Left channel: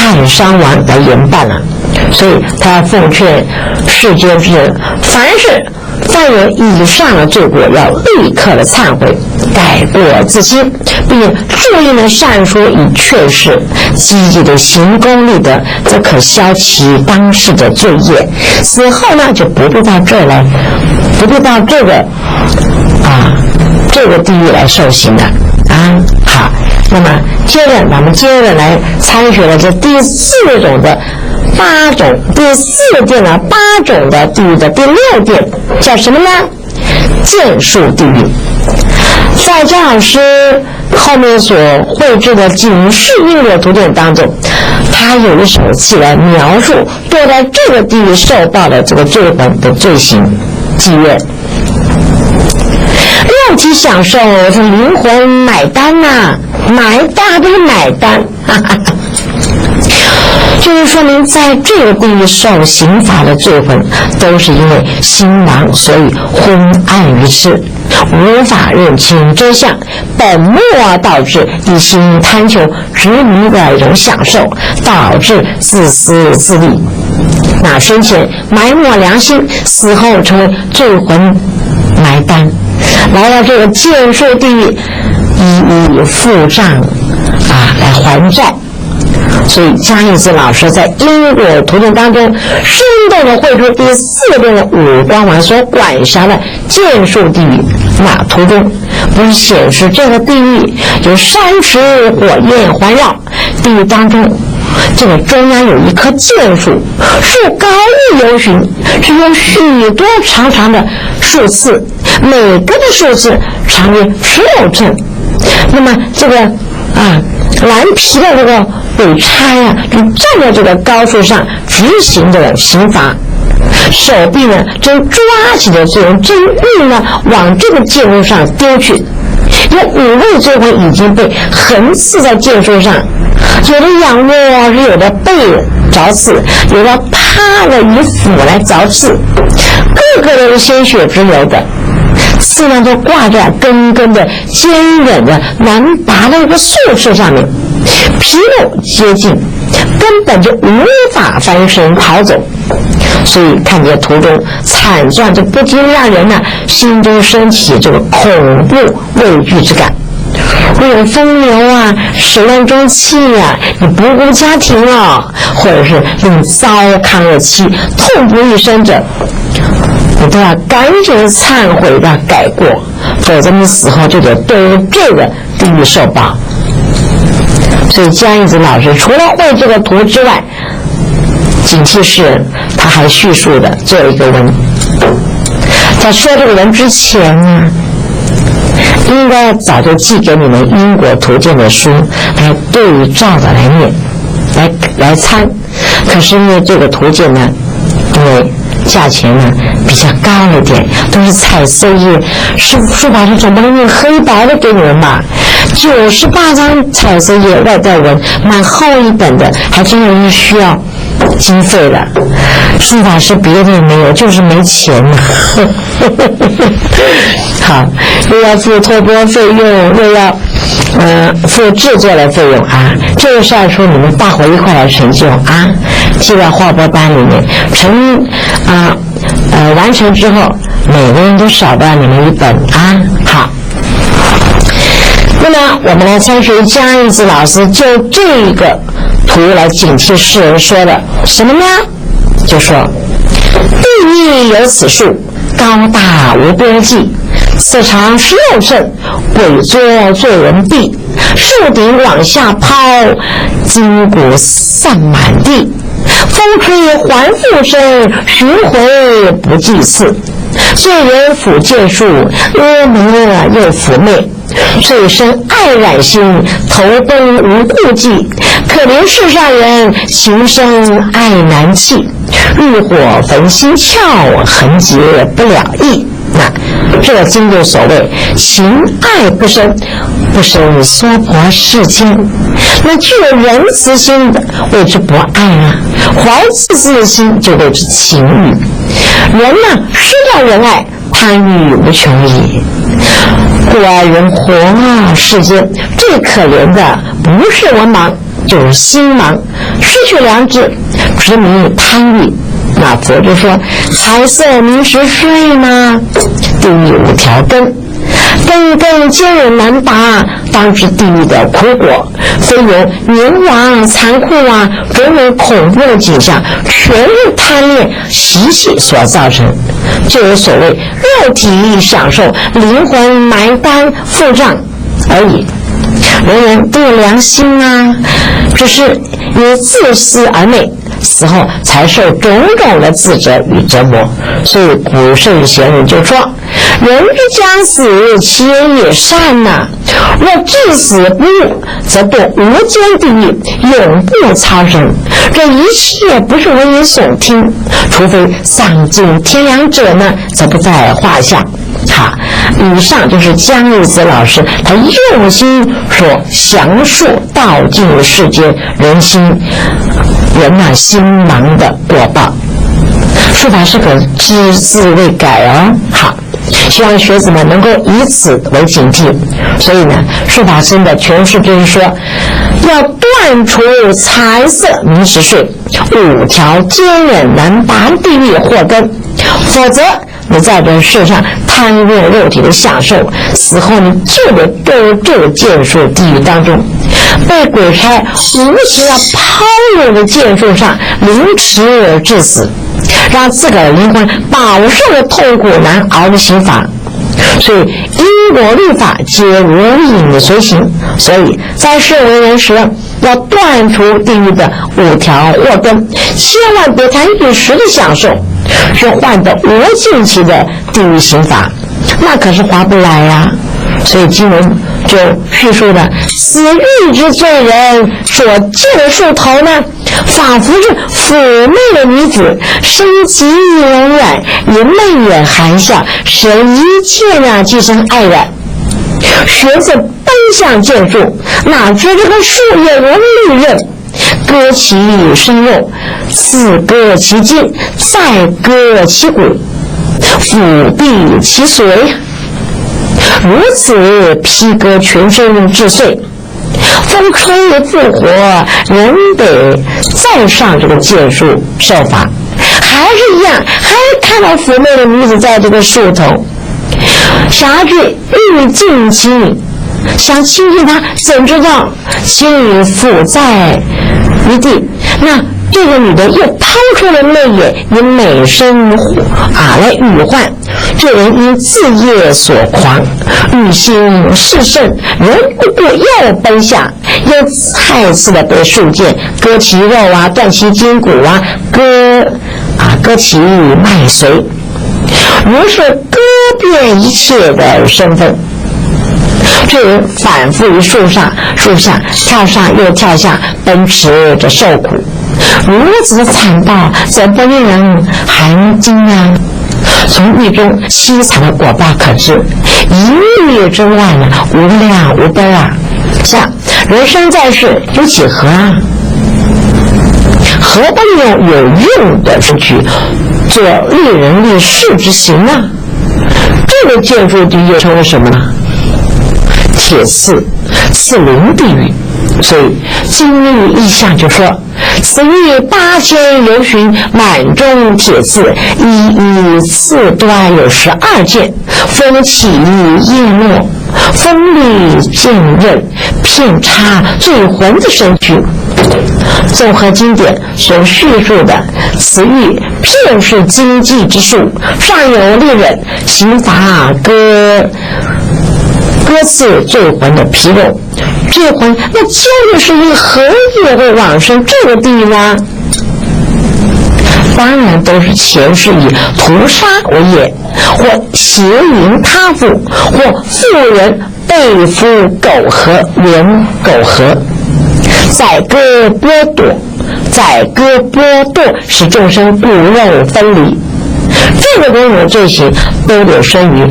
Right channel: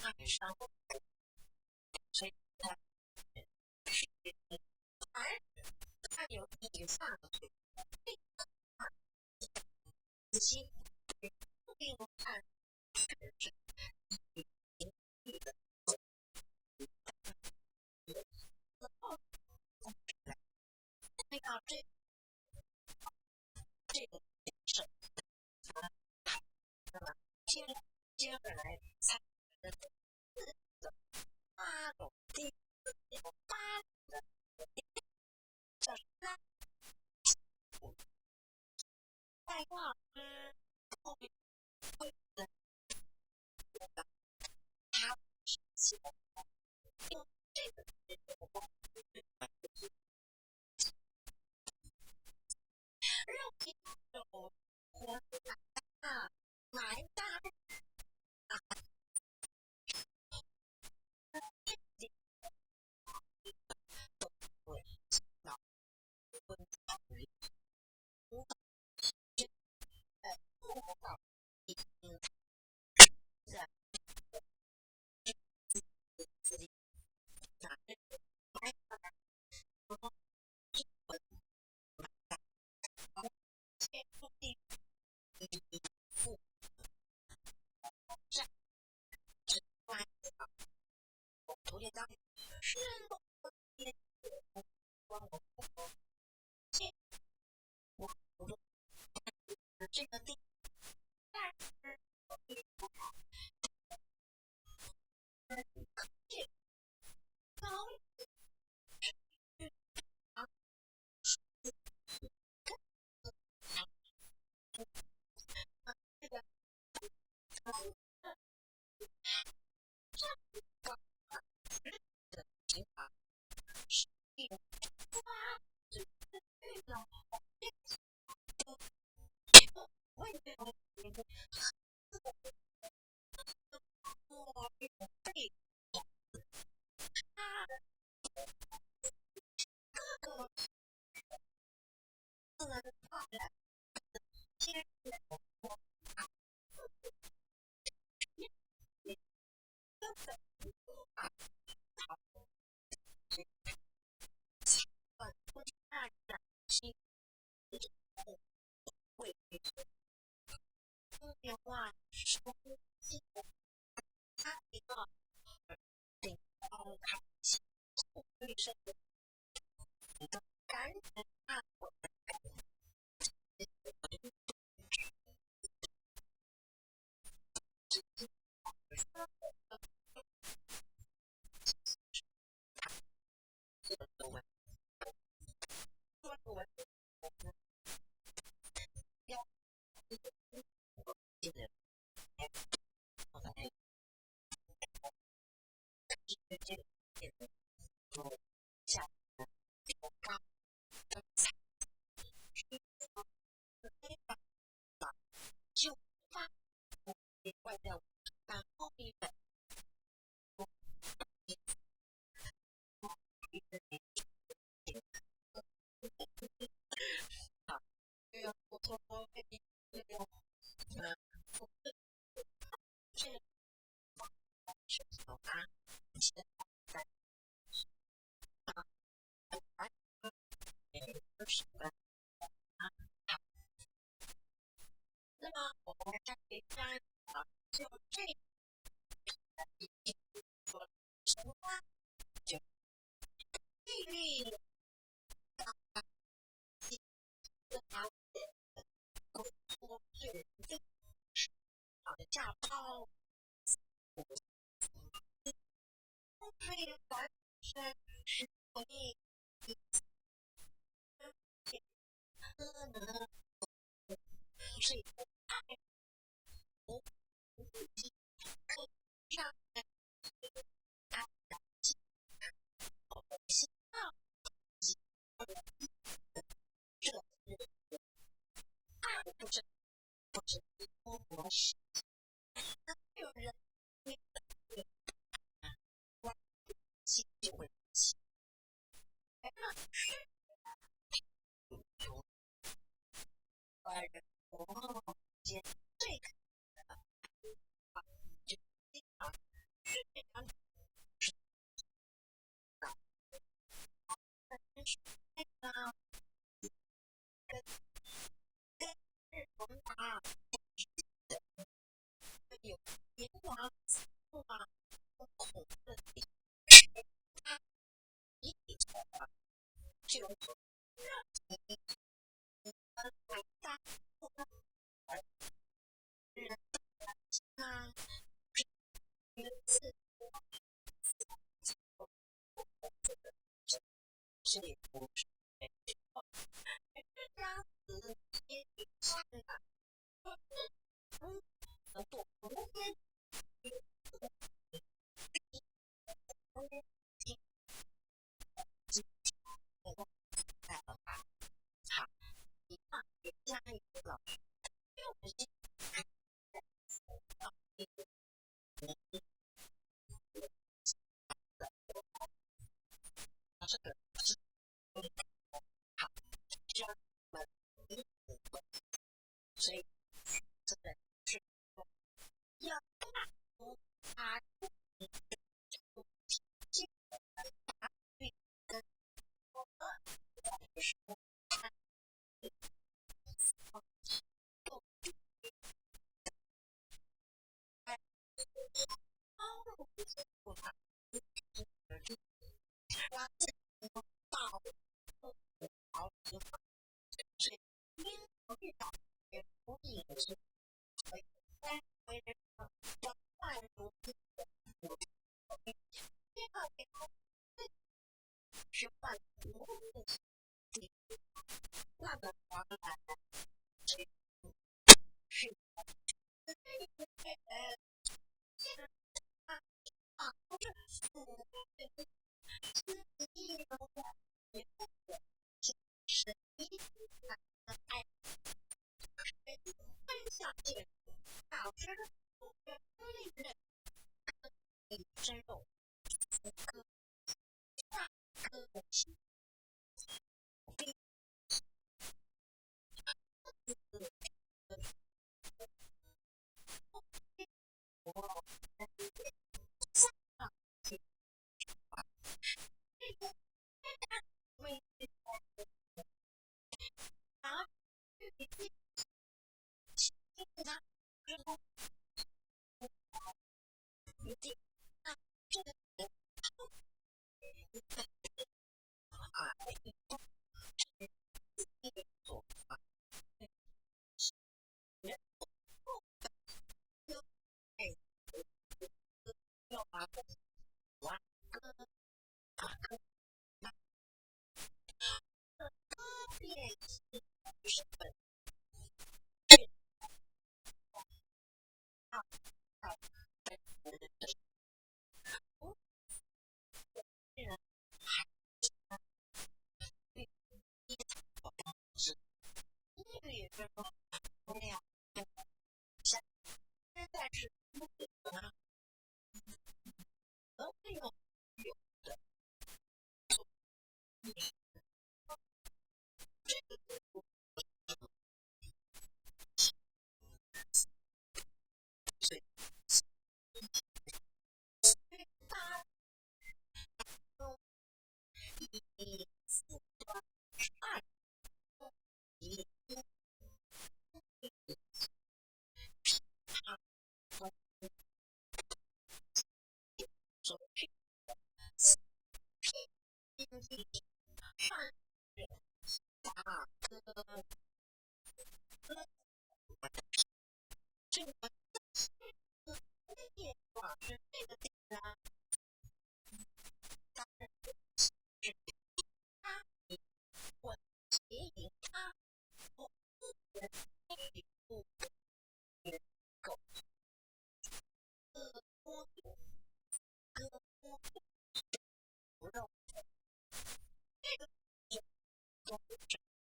太上王来严办了。所以他要奉劝世间之人，凡有以上的罪过，要立刻的忏悔，改过自新，并注意呢善说以劝世，积极的行功立德，则可消其当世的罪业。死后呢，就不必到这儿来，不必到这个地狱来受刑的啊。好，那么咱们接着来参学了这第四种的8种，第4殿的8种的地狱的第6殿叫什么呢？剑术地狱。在姜老师后面所绘制的警示因果图典当中，他有一手记来描述对待这个地狱受报的这个罪魂的罪行妓院。肉体享受是灵魂买单呐，买单不是买单，哈哈哈。就是说明在这个地狱受刑罚的罪魂，都是因为心盲，所以昏暗于世，无法认清真相，本末导致一心贪求执迷的一种享受，导致自私自利。那生前埋没良心，死后成为罪魂埋单，来到这个剑术地狱，一一付账来还债。所以江义子老师在因果图典当中生动地绘出第4殿的5光丸所管辖的剑术地狱。那图中不是显示这个地狱有山池火焰环绕，地狱当中这个中央有一棵剑树，树高不由寻，是有许多长长的树刺，每个的树刺长约16寸。那么这个蓝皮的这个鬼差就站在这个高树上执行这个刑罚，手臂呢正抓起的这种真玉呢往这个剑树上丢去。有5位罪魂已经被横刺在剑树上，有的仰卧，有的背着刺，有的趴了以斧来凿刺，个个都是鲜血直流的。刺呢都挂在根根的坚韧的难拔的一个树枝上面，皮肉接近，根本就无法翻身逃走。所以看见图中惨状，就不禁让人心中升起这个恐怖畏惧之感。若有风流始乱终弃你不顾家庭了，或者是令糟糠而妻，痛不欲生者，你都要赶紧忏悔的改过，否则你死后就得对于这个地狱受报。所以江义子老师除了绘这个图之外，警惕世人，他还叙述的做一个文。在说这个文之前应该早就寄给你们因果图鉴的书来对照的来念来参。可是因为这个图鉴因为价钱比较高了点，都是彩色页，书法是总不能用黑白的给你们吧？98张彩色页，外带文，蛮厚一本的，还真的是需要经费的。书法师别的也没有，就是没钱好，又要付托钵费用，又要付制作的费用这个是要说你们大伙一块来成就记在画拨单里面，完成之后每个人都少到你们一本好，那么我们来参学江义子老师就这个图来警惕世人说的什么呢？就说地狱有此树，高大无边际，此长16寸，鬼作罪人壁，树顶往下抛，筋骨散满地，风吹还复生，巡回不计次，罪人抚剑术，恶魔又妩媚，醉生爱染心，头灯无顾忌，可怜世上人，情生爱难弃，欲火焚心窍，痕结不了意。这个经就所谓情爱不生，不生娑婆世间。那具有仁慈心的谓之博爱怀自私的心就谓之情欲。人失掉仁爱，贪欲无穷也。故而人活世间最可怜的不是文盲，就是心盲，失去良知，执迷贪欲。那佛就说财色名食睡嘛，地狱5条根，根根坚韧难拔，当知地狱的苦果，非有冥顽残酷啊，种种恐怖的景象，全是贪恋习气所造成，就是所谓肉体享受，灵魂埋单付账而已。人人都有良心啊，只是因自私而昧，死后才受种种的自责与折磨。所以古圣贤人就说，人之将死，其言也善呐，若至死不悟，则堕无间地狱，永不超生。这一切不是危言耸听，除非丧尽天良者呢，则不在话下。好，以上就是江义子老师他用心所详述道尽世间人心盲的果报。书法是个只字未改哦。好，希望学子们能够以此为警惕。所以呢，书法生的诠释就是说，要断除财色名食睡5条坚韧难拔地狱祸根，否则你在这世上贪恋肉体的享受，死后你就得堕入这个剑术地狱当中，被鬼差无情地抛入的剑术上凌迟致死，让自个儿灵魂饱受了痛苦难熬的刑罚。所以因果律法皆如影随形，所以在世为人时要断除地狱的5条祸根，千万别谈一时的享受，是换得无尽期的地狱刑罚，那可是划不来呀。所以经文就叙述了此狱之罪人所见的树头呢，仿佛是妩媚的女子，身极柔软，以媚眼含笑，使人一见啊即生爱染。学子奔向剑术，哪知这个树叶如利刃，割其生肉，刺割其筋，再割其骨，斧毙其髓，如此劈割全身致碎。风吹复活，人得再上这个剑术受罚，还是一样，还是看到妩媚的女子在这个树头，想要去欲尽其女，想亲近她，怎知道其女伏在于地，那这个女的又抛出了媚眼，以美声来语唤。这人因自业所狂，欲心炽盛，人不顾又奔下，又再次的被树剑割其肉啊，断其筋骨啊，割其脉髓，如是割遍一切的身份。这人反复于树下跳上又跳下，奔驰着受苦，如此的惨暴，怎不令人寒惊啊？从狱中凄惨的果报可知，一狱之外呢，无量无边啊！像人生在世有几何啊？何不利用有用的事去做利人利事之行呢？这个剑术地狱称为什么呢？铁刺灵地狱。所以经律意象就说，此狱8000由旬，满中铁刺，一刺端有12剑，风起叶落，锋利剑刃，遍插罪魂的身躯。综合经典所叙述的，此狱遍是经济之术，上有利刃，刑罚割刺罪魂的皮肉。罪魂那究竟是以何业会往生这个地狱呢？当然都是前世以屠杀为业，或邪淫他妇，或妇人被夫苟合，连苟合，宰割剥夺，使众生骨肉分离。这个种种罪行都有生于